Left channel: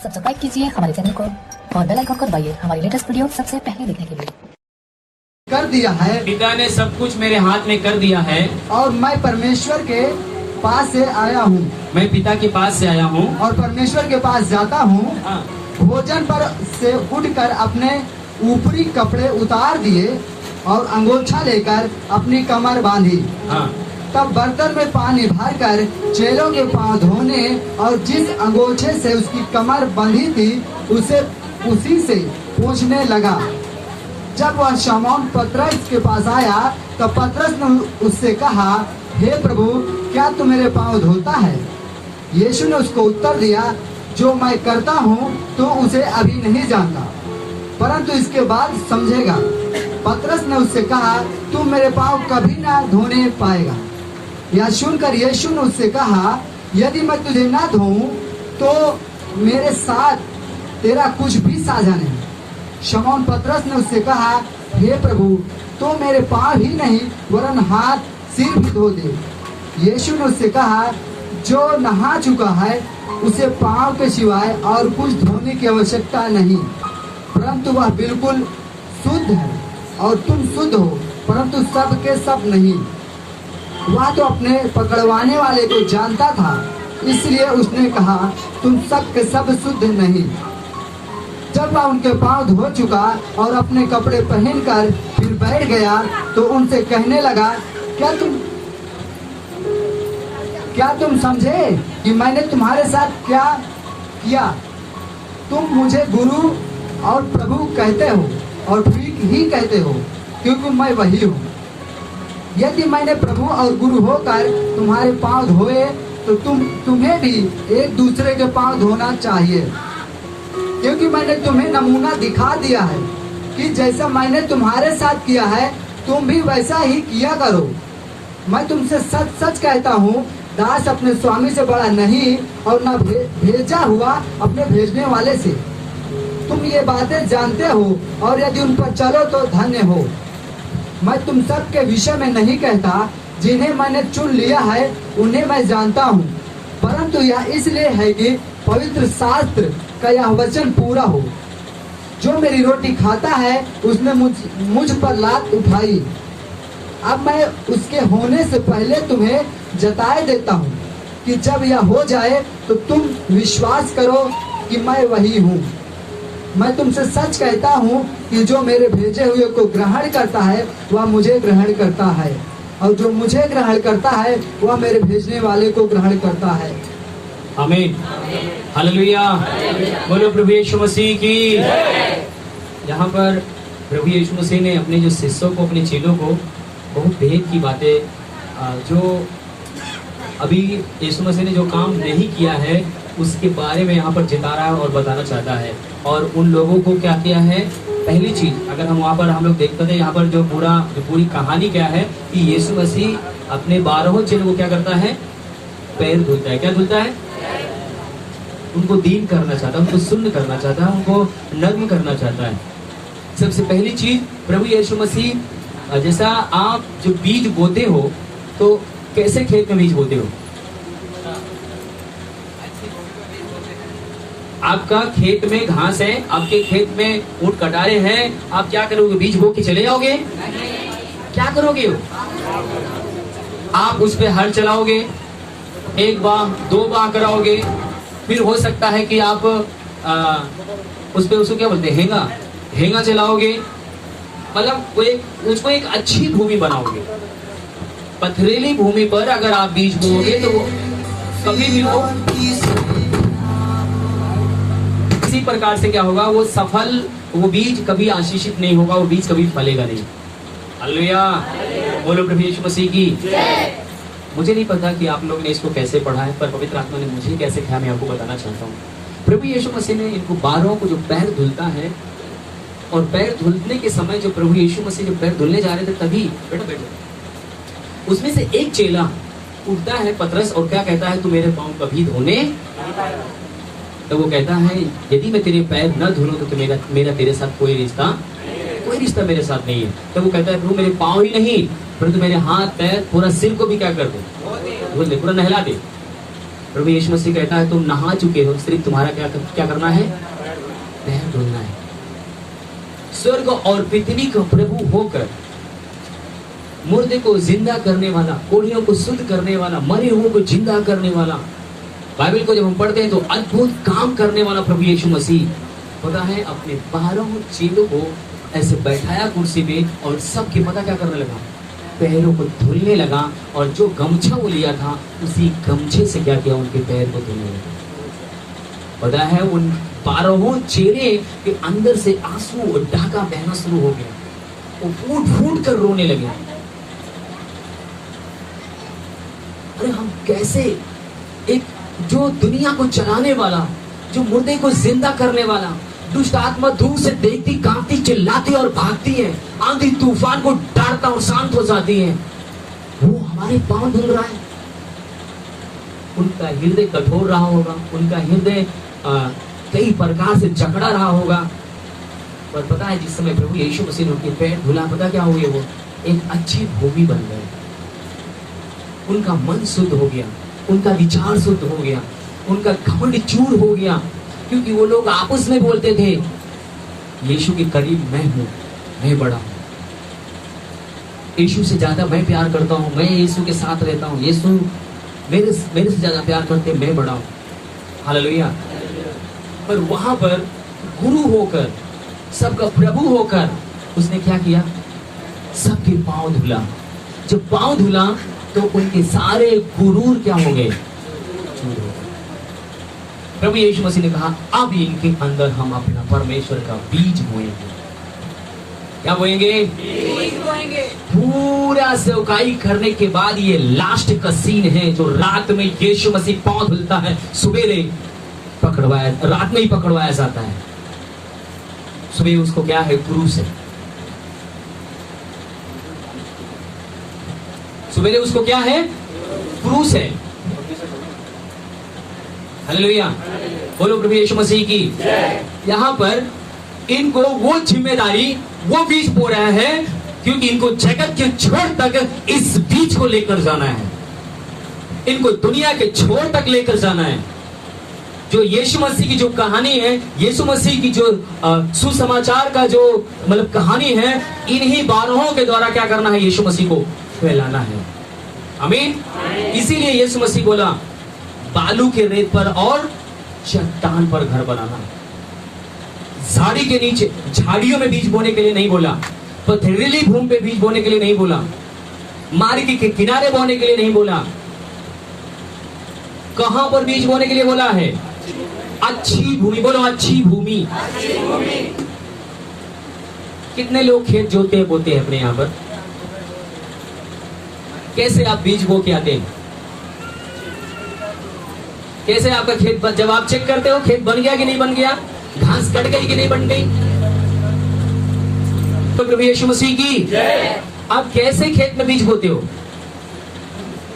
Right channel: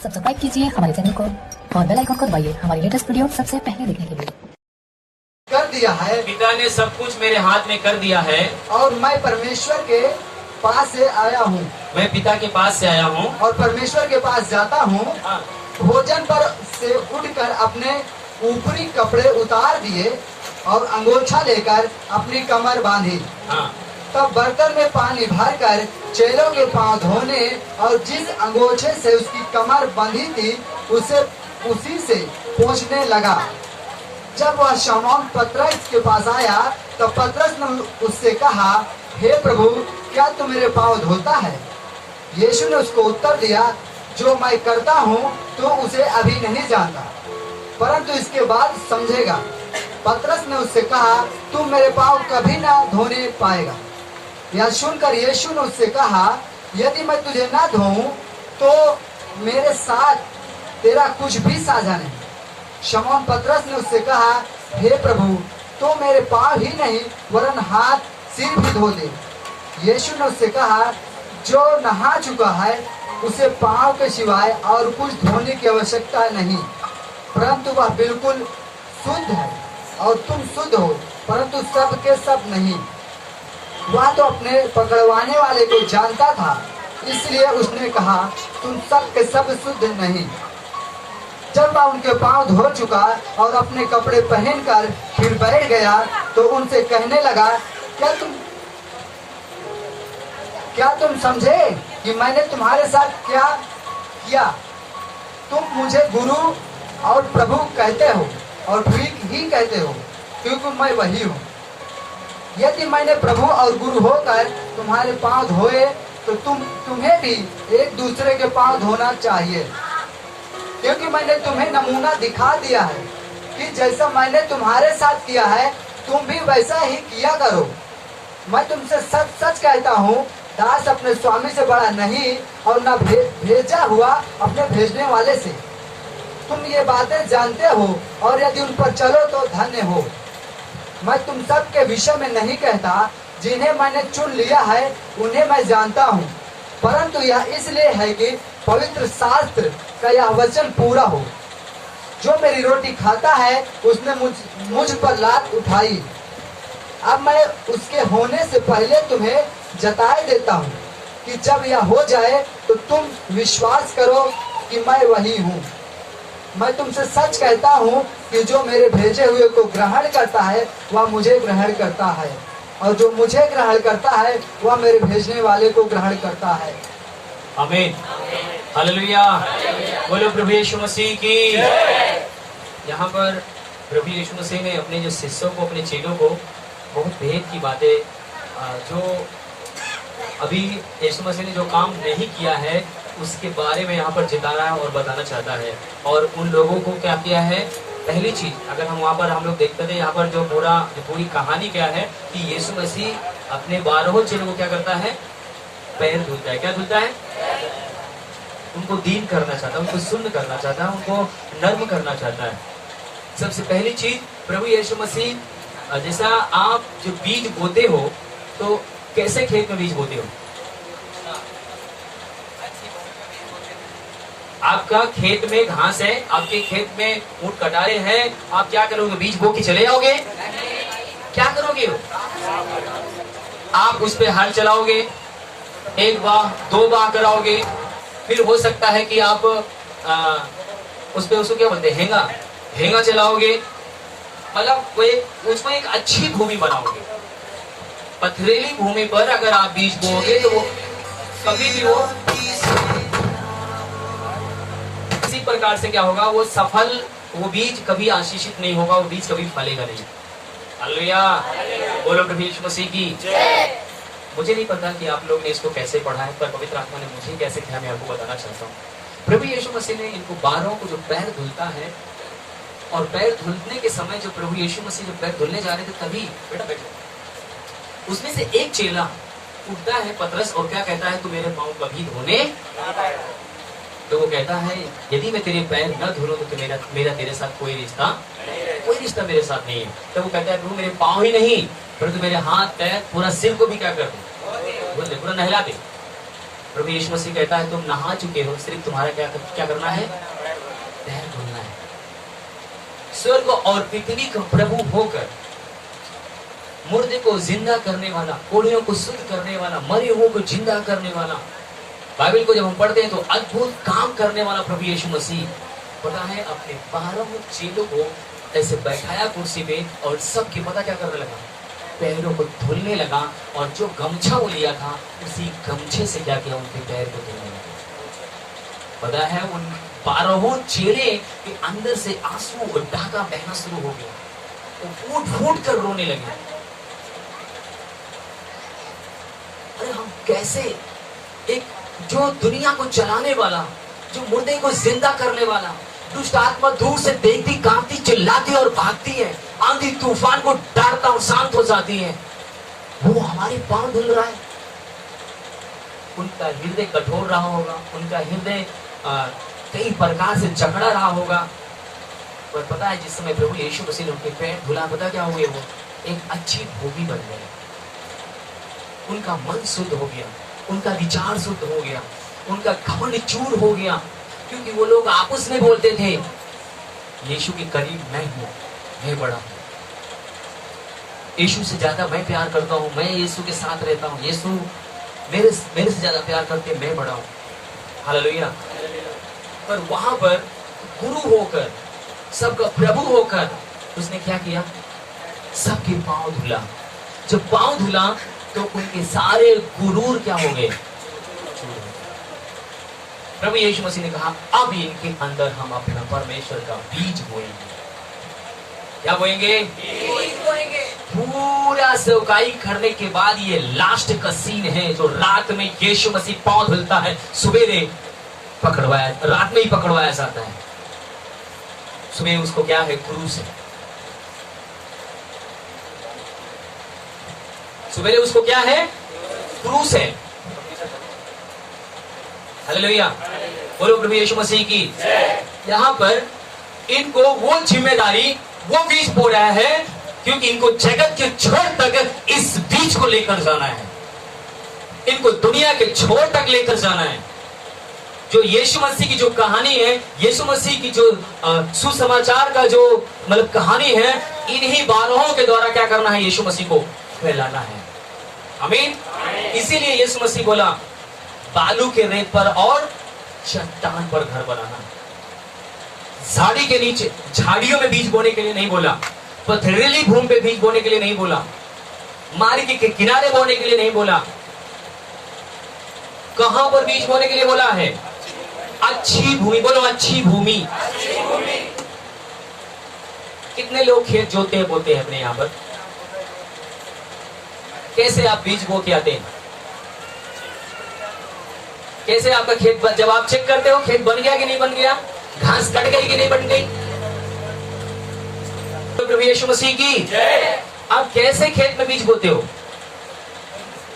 Subscribe कीजिए हमारे channel को और बेल आइकन को दबाइए हमारी लेटेस्ट वीडियो सबसे पहले देखने के लिए। कर दिया है, पिता ने सब कुछ मेरे हाथ में कर दिया है और मैं परमेश्वर के पास से आया हूँ, मैं पिता के पास से आया हूँ और परमेश्वर के पास जाता हूँ। हाँ, भोजन पर से उठकर अपने ऊपरी कपड़े उतार दिए और अंगोछा लेकर अपनी कमर बांधी। हाँ, तब बर्तन में पानी भरकर चेलों के पांव धोने और जिस अंगोछे से उसकी कमर बंधी थी उसी से पोंछने लगा। जब वह शमौन पतरस के पास आया तब पतरस ने उससे कहा, हे प्रभु, क्या तू मेरे पांव धोता है? यीशु ने उसको उत्तर दिया, जो मैं करता हूँ तो उसे अभी नहीं जानता, परंतु इसके बाद समझेगा। पतरस ने उससे कहा, तू मेरे पांव कभी न धोने पाएगा। यह सुनकर यीशु ने उससे कहा, यदि मैं तुझे न धोऊं तो मेरे साथ तेरा कुछ भी साझा नहीं। शमौन पतरस ने उससे कहा, हे प्रभु, तो मेरे पांव ही नहीं वरन हाथ सिर भी धो दे। यीशु ने उससे कहा, जो नहा चुका है उसे पांव के सिवाय और कुछ धोने की आवश्यकता नहीं, परंतु वह बिल्कुल शुद्ध है। और तुम शुद्ध हो, परंतु सब के सब नहीं। वह तो अपने पकड़वाने वाले को जानता था, इसलिए उसने कहा, तुम सब के सब शुद्ध नहीं। जब वह उनके पांव धो चुका और अपने कपड़े पहनकर फिर बैठ गया तो उनसे कहने लगा, क्या तुम समझे कि मैंने तुम्हारे साथ क्या किया? तुम मुझे गुरु और प्रभु कहते हो, और ठीक ही कहते हो, क्योंकि मैं वही हूँ। यदि मैंने प्रभु और गुरु होकर तुम्हारे पांव धोए तो तुम्हें भी एक दूसरे के पांव धोना चाहिए, क्योंकि मैंने तुम्हें नमूना दिखा दिया है कि जैसा मैंने तुम्हारे साथ किया है तुम भी वैसा ही किया करो। मैं तुमसे सच सच कहता हूँ, दास अपने स्वामी से बड़ा नहीं और न भेजा हुआ अपने भेजने वाले से। तुम ये बातें जानते हो और यदि उन पर चलो तो धन्य हो। मैं तुम सब के विषय में नहीं कहता, जिन्हें मैंने चुन लिया है उन्हें मैं जानता हूँ, परंतु यह इसलिए है कि पवित्र शास्त्र का यह वचन पूरा हो। जो मेरी रोटी खाता है उसने मुझ पर लात उठाई। अब मैं उसके होने से पहले तुम्हें जताए देता हूँ कि जब यह हो जाए तो तुम विश्वास करो कि मैं वही हूँ। मैं तुमसे सच कहता हूँ कि जो मेरे भेजे हुए को ग्रहण करता है वह मुझे ग्रहण करता है, और जो मुझे ग्रहण करता है वह मेरे भेजने वाले को ग्रहण करता है। आमीन, हालेलुया, बोलो प्रभु यीशु मसीह की। यहाँ पर प्रभु यीशु मसीह ने अपने जो शिष्यों को, अपने चेलों को बहुत भेद की बातें, जो अभी यीशु मसीह ने जो काम नहीं किया है उसके बारे में यहाँ पर जता रहा है और बताना चाहता है। और उन लोगों को क्या किया है? पहली चीज, अगर हम वहाँ पर हम लोग देखते थे, यहाँ पर जो पूरी कहानी क्या है कि यीशु मसीह अपने 12 चेलों को क्या करता है? पैर धुलता है। क्या धुलता है? उनको दीन करना चाहता है, उनको सुन्न करना चाहता है, उनको नर्म करना चाहता है। सबसे पहली चीज, प्रभु यीशु मसीह, जैसा आप जो बीज बोते हो तो कैसे खेत में बीज बोते हो? आपका खेत में घास है, आपके खेत में ऊंट कटारे हैं, आप क्या करोगे? बीज बो के चले जाओगे? क्या करोगे? आप उस पे हल चलाओगे, 1 बार 2 बार कराओगे, फिर हो सकता है कि आप उस पे उसको क्या बोलते हैं, हेंगा चलाओगे। मतलब उसको एक अच्छी भूमि बनाओगे। पथरीली भूमि पर अगर आप बीज बोओगे तो वो कभी भी इसी प्रकार से क्या होगा? वो बीज कभी आशीषित नहीं होगा, वो बीज कभी फलेगा नहीं। हालेलुया, बोलो प्रभु यीशु मसीह की। मुझे नहीं पता कि आप लोग ने इसको कैसे पढ़ा है, पर पवित्र आत्मा ने मुझे कैसे कहा, मैं आपको बताना चाहता हूँ। प्रभु यीशु मसीह ने इनको 12 को जो पैर धुलता है, और पैर धुलने के समय जो प्रभु यीशु मसीह जो पैर धुलने जा रहे थे, तभी बेटा उसमें से एक चेला उठता है, पतरस, और क्या कहता है? तू मेरे पांव कभी धोने। तो वो कहता है, यदि मैं तेरे पैर न धुलूं तो मेरा तेरे साथ कोई रिश्ता मेरे साथ नहीं है। तो वो कहता है, प्रभु मेरे पांव ही नहीं परंतु मेरे हाथ पैर पूरा सिर को भी क्या कर दे? धुल दे, पूरा नहला दे। प्रभु यीशु मसीह कहता है तुम नहा चुके हो, सिर्फ तुम्हारा क्या करना है? पैर धुलना है। स्वर्ग और पृथ्वी का प्रभु होकर मुर्दे को जिंदा करने वाला, कोढ़ियों को शुद्ध करने वाला, मरे हुओं को जिंदा करने वाला, बाइबल को जब हम पढ़ते हैं तो अद्भुत काम करने वाला प्रभु यीशु मसीह पता है अपने 12 चेलों को ऐसे बैठाया कुर्सी पे और सबकी पता क्या करने लगा? पैरों को धुलने लगा। और जो गमछा वो लिया था उसी गमछे से क्या किया? उनके पैर को धुलने लगा। पता है उन 12 चेले के अंदर से आंसू और डाका बहना शुरू हो गया, वो फूट फूट कर रोने लगे। अरे हम कैसे, एक जो दुनिया को चलाने वाला, जो मुर्दे को जिंदा करने वाला, दुष्ट आत्मा दूर से देखती, कांपती, चिल्लाती और भागती है, आंधी तूफान को डांटता और शांत हो जाती है, वो हमारे पांव धुल रहा है। उनका हृदय कठोर रहा होगा, उनका हृदय कई प्रकार से जकड़ा रहा होगा। और पता है जिस समय प्रभु यीशु मसीह ने उनके पैर धुला, पता क्या हो गया? वो एक अच्छी भूमि बन गई। उनका मन शुद्ध हो गया, उनका विचार शुद्ध हो गया, उनका घमंड चूर हो गया। क्योंकि वो लोग आपस में बोलते थे यीशु के करीब मैं हूं, मैं बड़ा हूं, यीशु से ज्यादा मैं प्यार करता हूं, मैं यीशु के साथ रहता हूं, यीशु मेरे से ज्यादा प्यार करते, मैं बड़ा हूं। हालेलुया। पर वहां पर गुरु होकर, सबका प्रभु होकर उसने क्या किया? सबके पांव धुला। जब पांव धुला तो उनके सारे गुरूर क्या हो गए? प्रभु यीशु मसीह ने कहा अब इनके अंदर हम अपना परमेश्वर का बीज बोएंगे। क्या बोएंगे? बीज बोएंगे। पूरा सेवकाई करने के बाद ये लास्ट का सीन है, जो रात में यीशु मसीह पांव धुलता है, सवेरे पकड़वाया, रात में ही पकड़वाया जाता है। सुबह उसको क्या है? क्रूस है। सुबह उसको क्या है? क्रूस है। हालेलुया। बोलो प्रभु यीशु मसीह की। यहाँ पर इनको वो जिम्मेदारी, वो बीज बो रहा है, क्योंकि इनको जगत के छोर तक इस बीज को लेकर जाना है, इनको दुनिया के छोर तक लेकर जाना है। जो यीशु मसीह की जो कहानी है, यीशु मसीह की जो सुसमाचार का जो मतलब कहानी है, इन्हीं 12 के द्वारा क्या करना है? यीशु मसीह को फैलाना है। आमीन। इसीलिए यीशु मसीह बोला बालू के रेत पर और चट्टान पर घर बनाना। झाड़ी के नीचे, झाड़ियों में बीज बोने के लिए नहीं बोला, पथरीली भूमि पे बीज बोने के लिए नहीं बोला, मार्ग के किनारे बोने के लिए नहीं बोला। कहां पर बीज बोने के लिए बोला है? अच्छी भूमि। बोलो अच्छी भूमि। कितने लोग खेत जोते हैं, बोते हैं अपने यहां पर? कैसे आप बीज बो के आते हैं? कैसे आपका खेत, जब आप चेक करते हो खेत बन गया कि नहीं बन गया, घास कट गई कि नहीं बन गई? तो प्रभु यीशु मसीह की आप कैसे खेत में बीज बोते हो?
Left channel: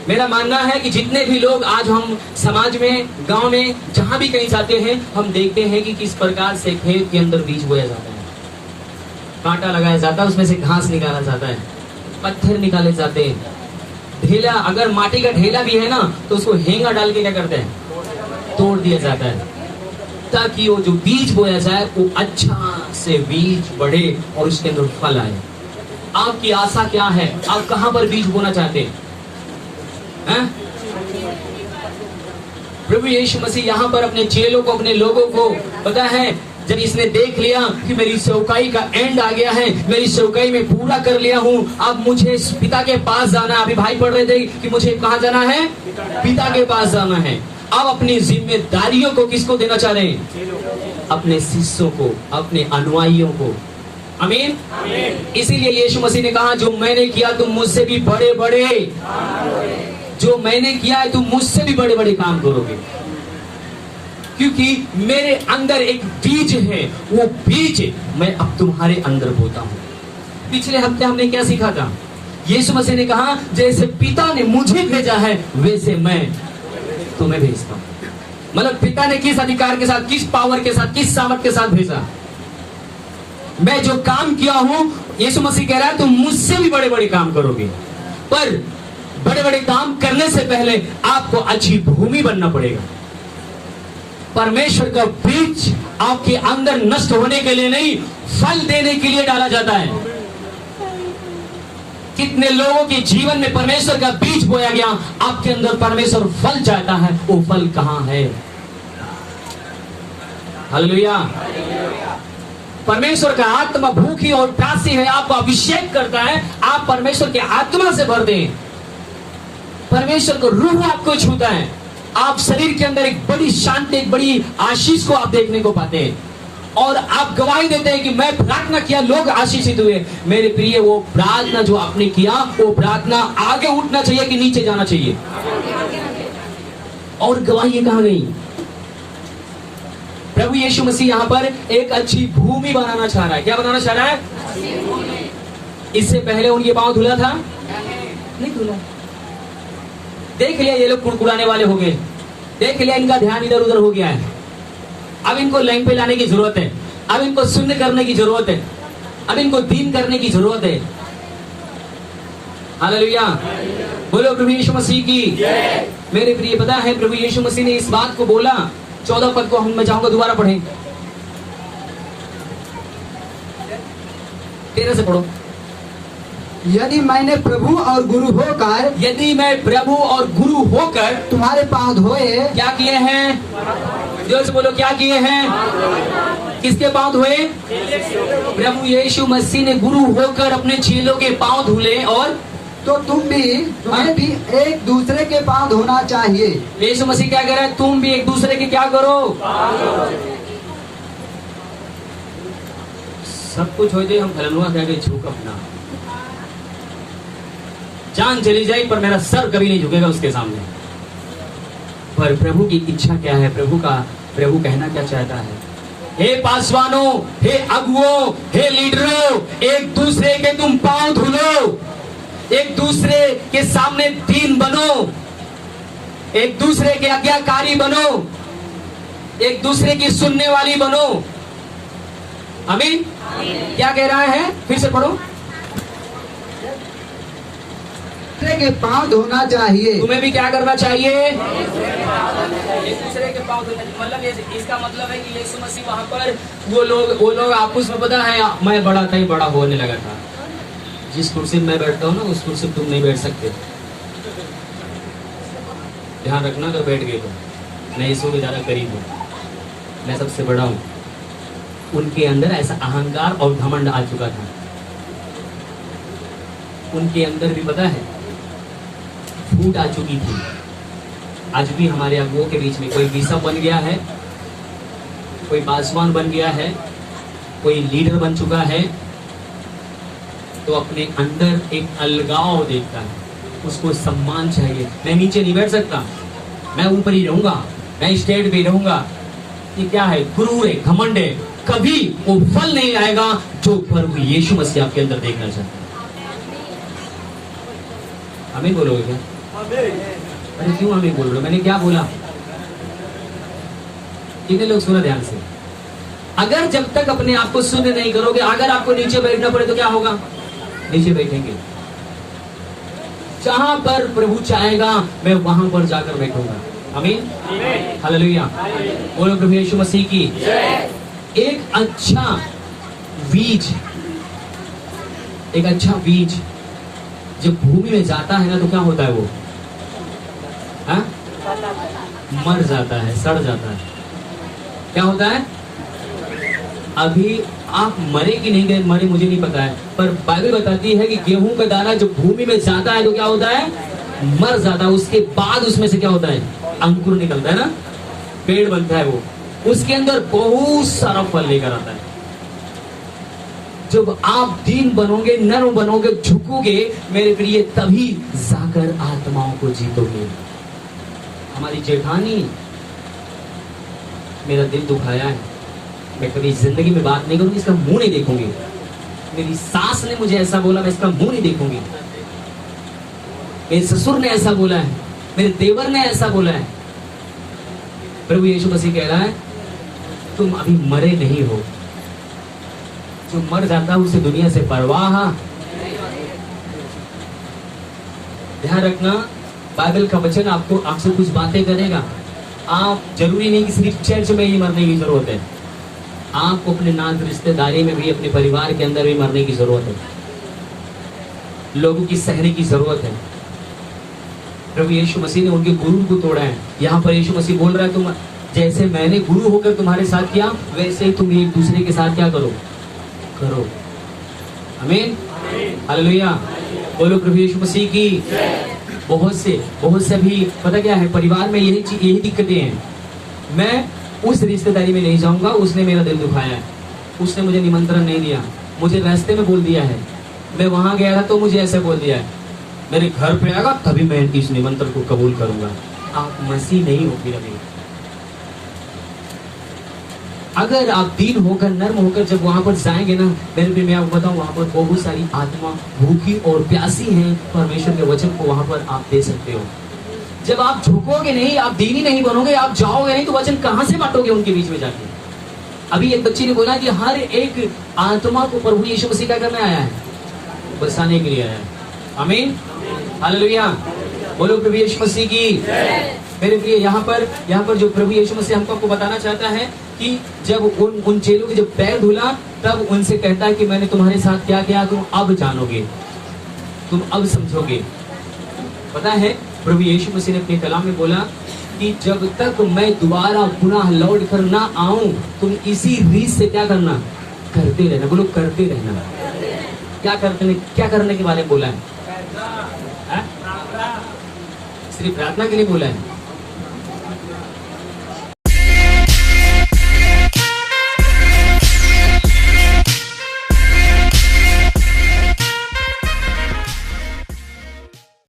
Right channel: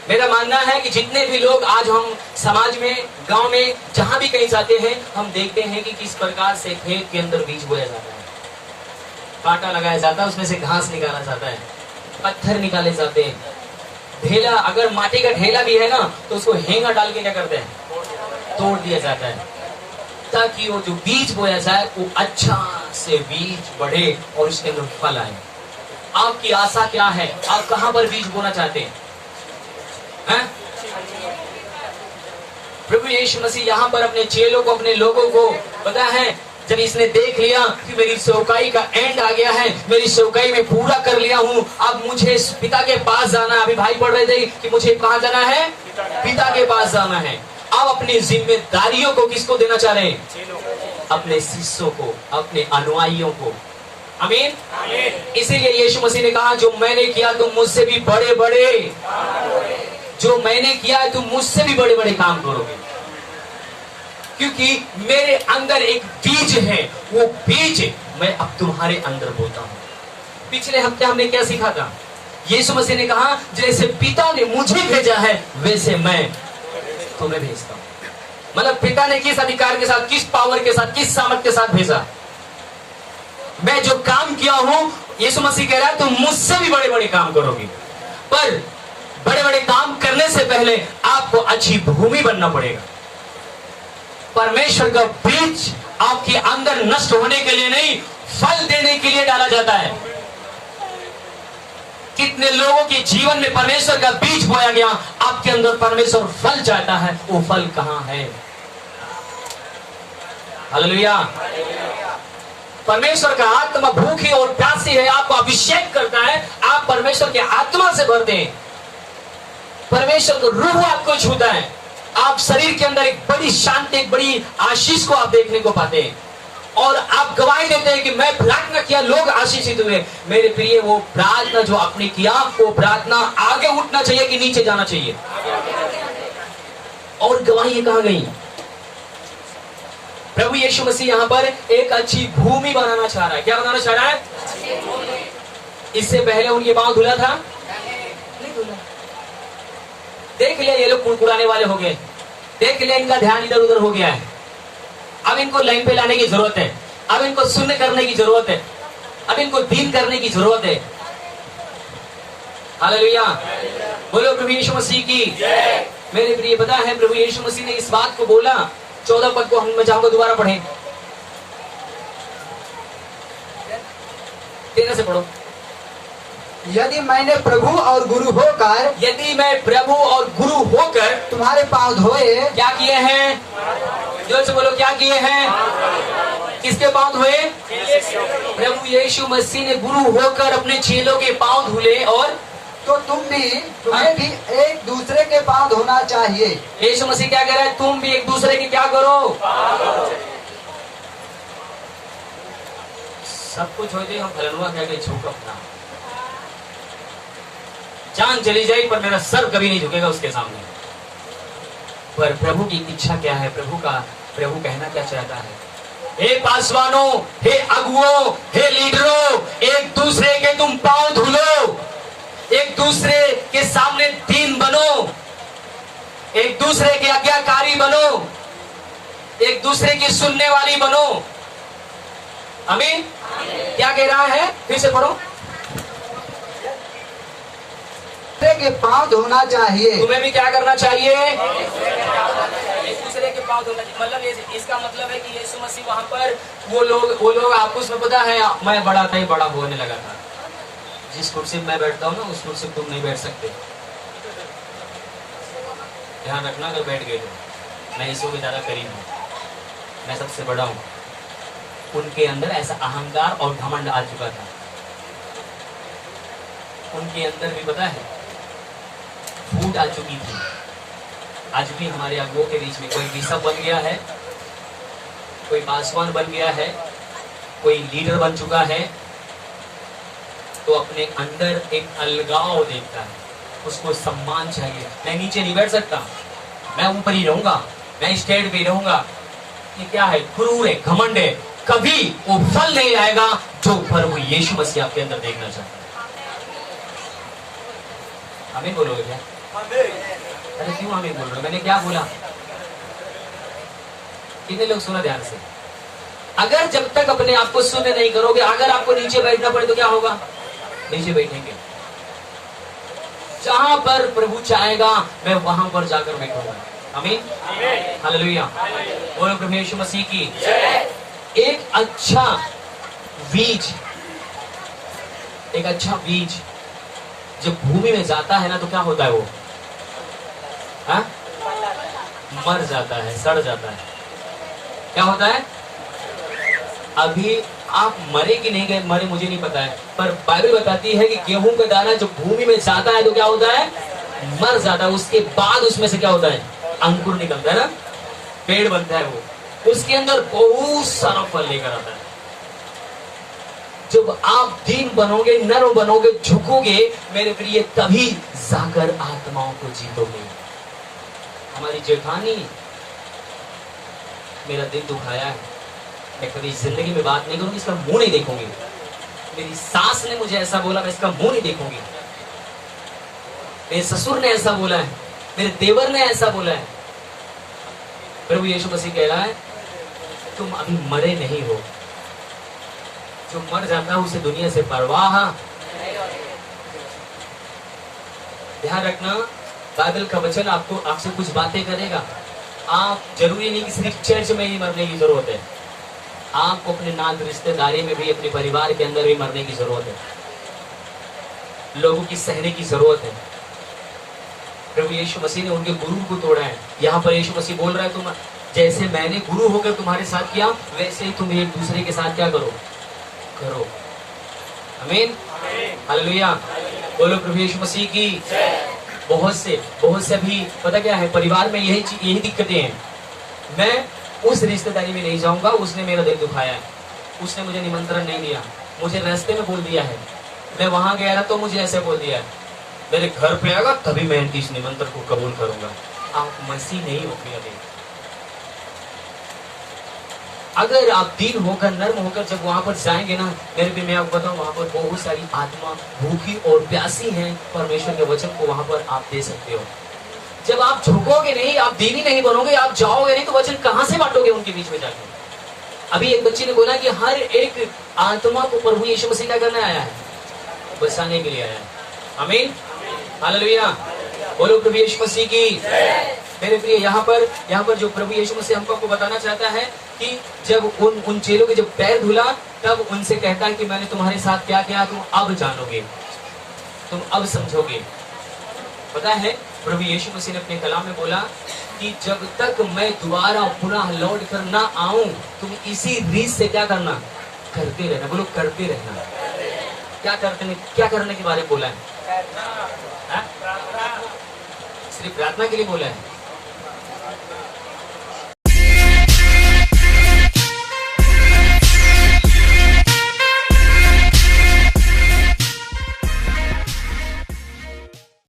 मेरा मानना है कि जितने भी लोग आज हम समाज में, गांव में, जहां भी कहीं जाते हैं, हम देखते हैं कि किस प्रकार से खेत के अंदर बीज बोया जाता है। कांटा लगाया जाता है, उसमें से घास निकाला जाता है, पत्थर निकाले जाते हैं, ढेला, अगर माटी का ढेला भी है ना तो उसको हेंगा डाल के क्या करते हैं? तोड़ दिया जाता है, ताकि वो जो बीज बोया जाए वो अच्छा से बीज बढ़े और उसके अंदर फल आए। आपकी आशा क्या है? आप कहां पर बीज बोना चाहते हैं? प्रभु यीशु मसीह यहाँ पर अपने चेलों को, अपने लोगों को पता है, जब इसने देख लिया कि मेरी सेवकाई का एंड आ गया है, मेरी सेवकाई में पूरा कर लिया हूँ, अब मुझे पिता के पास जाना। अभी भाई पढ़ रहे थे कि मुझे कहाँ जाना है? पिता के पास जाना है। अब अपनी जिम्मेदारियों को किसको देना चाह रहे हैं? अपने शिष्यों को, अपने अनुयायियों को। आमीन। इसीलिए यीशु मसीह ने कहा जो मैंने किया तुम मुझसे भी बड़े बड़े, जो मैंने किया है तुम मुझसे भी बड़े बड़े काम करोगे, क्योंकि मेरे अंदर एक बीज है, वो बीज मैं अब तुम्हारे अंदर बोता हूं। पिछले हफ्ते हमने क्या सीखा था? यीशु मसीह ने कहा जैसे पिता ने मुझे भेजा है वैसे मैं तुम्हें भेजता हूं। मतलब पिता ने किस अधिकार के साथ, किस पावर के साथ, किस सामर्थ के साथ भेजा? मैं जो काम किया हूं, यीशु मसीह कह रहा है तुम मुझसे भी बड़े बड़े काम करोगे। पर बड़े बड़े काम करने से पहले आपको अच्छी भूमि बनना पड़ेगा। परमेश्वर का बीज आपके अंदर नष्ट होने के लिए नहीं, फल देने के लिए डाला जाता है। कितने लोगों के जीवन में परमेश्वर का बीज बोया गया, आपके अंदर परमेश्वर फल चाहता है, वो फल कहां है? हालेलुया। परमेश्वर का आत्मा भूखी और प्यासी है, आपको अभिषेक करता है, आप परमेश्वर के आत्मा से भरते हैं, परमेश्वर को रूह आपको छूता है, आप शरीर के अंदर एक बड़ी शांति, एक बड़ी आशीष को आप देखने को पाते हैं, और आप गवाही देते हैं कि मैं प्रार्थना किया, लोग आशीषित हुए। मेरे प्रिय, वो प्रार्थना जो आपने किया, वो प्रार्थना आगे उठना चाहिए कि नीचे जाना चाहिए? और गवाही कहां गई? प्रभु यीशु मसीह यहां पर एक अच्छी भूमि बनाना चाह रहा है। क्या बनाना चाह रहा है? इससे पहले उनके पांव धुला था? नहीं धुला। देख लिया ये लोग कुड़कुड़ाने वाले हो गए, देख लिया इनका ध्यान इधर उधर हो गया है, अब इनको लाइन पे लाने की जरूरत है, अब इनको सुनने करने की जरूरत है, अब इनको दीन करने की जरूरत है। हालेलुया, बोलो प्रभु यीशु मसीह की जय। मेरे प्रिय, पता है प्रभु यीशु मसीह ने इस बात को बोला, 14 पद को मैं चाहूंगा दोबारा पढ़ें, 13 से पढ़ो। यदि मैंने प्रभु और गुरु होकर, यदि मैं प्रभु और गुरु होकर तुम्हारे पांव धोए, क्या किए हैं? जोर से बोलो, क्या किए हैं? किसके पांव धोए? प्रभु यीशु मसीह ने गुरु होकर अपने चेलों के पांव धुले, और तो तुम्हें भी एक दूसरे के पांव धोना चाहिए। यीशु मसीह क्या कह रहा है? तुम भी एक दूसरे की क्या करो? सब कुछ होते हम धरनुआ कह के झुक अपना, जान चली जाए पर मेरा सर कभी नहीं झुकेगा उसके सामने। पर प्रभु की इच्छा क्या है? प्रभु कहना क्या चाहता है? हे पासवानों, हे अगुओं, हे लीडरों, एक दूसरे के तुम पांव धुलो, एक दूसरे के सामने दीन बनो, एक दूसरे के आज्ञाकारी बनो, एक दूसरे की सुनने वाली बनो। आमीन। क्या कह रहा है? फिर से पढ़ो। के पांव धोना चाहिए। तुम्हें भी क्या करना चाहिए? एक दूसरे के पांव धोना। मतलब इसका मतलब है कि यीशु मसीह वहां पर वो लोग आपस में, पता है, मैं बड़ा था, बड़ा होने लगा था, जिस कुर्सी में मैं बैठता हूँ ना, उस कुर्सी में तुम नहीं बैठ सकते, ध्यान रखना। अगर बैठ गए तो मैं यीशु के ज्यादा करीब हूँ, मैं सबसे बड़ा हूँ। उनके अंदर ऐसा अहंकार और घमंड आ चुका था। उनके अंदर भी, पता है, फूट आ चुकी थी। आज भी हमारे अगुओं के बीच में कोई बिशप बन गया है, कोई पासवान बन गया है, कोई लीडर बन चुका है, तो अपने अंदर एक अलगाव देखता है, उसको सम्मान चाहिए। मैं नीचे नहीं बैठ सकता, मैं ऊपर ही रहूंगा, मैं स्टेज पे रहूंगा। ये क्या है? गुरूर है, घमंड है। कभी वो फल नहीं आएगा जो प्रभु यीशु मसीह आपके अंदर देखना चाहता है। हमें बोलोगे क्या? अरे क्यों हमें बोल रहे हो? मैंने क्या बोला? कितने लोग सुना ध्यान से? अगर जब तक अपने आप को शुद्ध नहीं करोगे, अगर आपको नीचे बैठना पड़े तो क्या होगा? नीचे बैठेंगे। जहां पर प्रभु चाहेगा मैं वहां पर जाकर बैठूंगा। आमीन, हालेलुया। बोलो प्रभु यीशु मसीह की जय। एक अच्छा बीज जब भूमि में जाता है ना, तो क्या होता है? वो मर जाता है, सड़ जाता है। क्या होता है? अभी आप मरे कि नहीं गए, मरे मुझे नहीं पता है, पर बाइबल बताती है कि गेहूं का दाना जब भूमि में जाता है तो क्या होता है? मर जाता है। उसके बाद उसमें से क्या होता है? अंकुर निकलता है ना, पेड़ बनता है। वो उसके अंदर बहुत सारा फल लेकर आता है। जब आप दीन बनोगे, नर्म बनोगे, झुकोगे, मेरे प्रिय, तभी जाकर आत्माओं को जीतोगे। हमारी जेठानी मेरा दिल दुखाया है, मैं कभी जिंदगी में बात नहीं करूंगी, इसका मुंह नहीं देखूंगी। मेरी सास ने मुझे ऐसा बोला, मैं इसका मुंह नहीं देखूंगी। मेरे ससुर ने ऐसा बोला है, मेरे देवर ने ऐसा बोला है। प्रभु यीशु मसीह कह रहा है, तुम अभी मरे नहीं हो। जो मर जाता है उसे दुनिया से परवाह। ध्यान रखना, बाइबल का वचन आपको आपसे कुछ बातें करेगा। आप जरूरी नहीं कि सिर्फ चर्च में ही मरने की जरूरत है, आपको अपने नात रिश्तेदारी में भी, अपने परिवार के अंदर भी मरने की जरूरत है, लोगों की सहने की जरूरत है। प्रभु यीशु मसीह ने उनके गुरु को तोड़ा है। यहाँ पर यीशु मसीह बोल रहा है, तुम जैसे मैंने गुरु होकर तुम्हारे साथ किया, वैसे ही तुम एक दूसरे के साथ क्या करो। आमीन, हालेलुया, बोलो प्रभु यीशु मसीह की। बहुत से भी पता क्या है, परिवार में यही दिक्कतें हैं। मैं उस रिश्तेदारी में नहीं जाऊंगा, उसने मेरा दिल दुखाया, उसने मुझे निमंत्रण नहीं दिया, मुझे रास्ते में बोल दिया है, मैं वहां गया था तो मुझे ऐसे बोल दिया है, मेरे घर पे आएगा तभी मैं इस निमंत्रण को कबूल करूंगा। आप मसीह नहीं हो फिर अभी। अगर आप दीन होकर, नर्म होकर जब वहां पर जाएंगे ना, मेरे भी मैं आपको बताऊं, वहां पर बहुत सारी आत्मा भूखी और प्यासी हैं, परमेश्वर के वचन को वहां पर आप दे सकते हो। जब आप झुकोगे नहीं, आप दीनी नहीं बनोगे, आप जाओगे नहीं, तो वचन कहां से बांटोगे उनके बीच में जाके। अभी एक बच्ची ने बोला कि हर एक आत्मा को प्रभु यीशु मसीह का करने आया है, बसाने के लिए आया है। आमीन, हालेलुया, बोलो प्रभु यीशु मसीह की। मेरे प्रिय, यहाँ पर जो प्रभु यीशु मसीह हमको बताना चाहता है कि जब उन चेलों के जब पैर धुला, तब उनसे कहता है कि मैंने तुम्हारे साथ क्या किया, तुम अब जानोगे, तुम अब समझोगे। पता है, प्रभु यीशु मसीह ने अपने कलाम में बोला कि जब तक मैं दोबारा पुनः लौट कर ना आऊं, तुम इसी रीत से क्या करना, करते रहना। बोलो करते रहना। क्या करने के बारे में बोला है? सिर्फ प्रार्थना के लिए बोला है?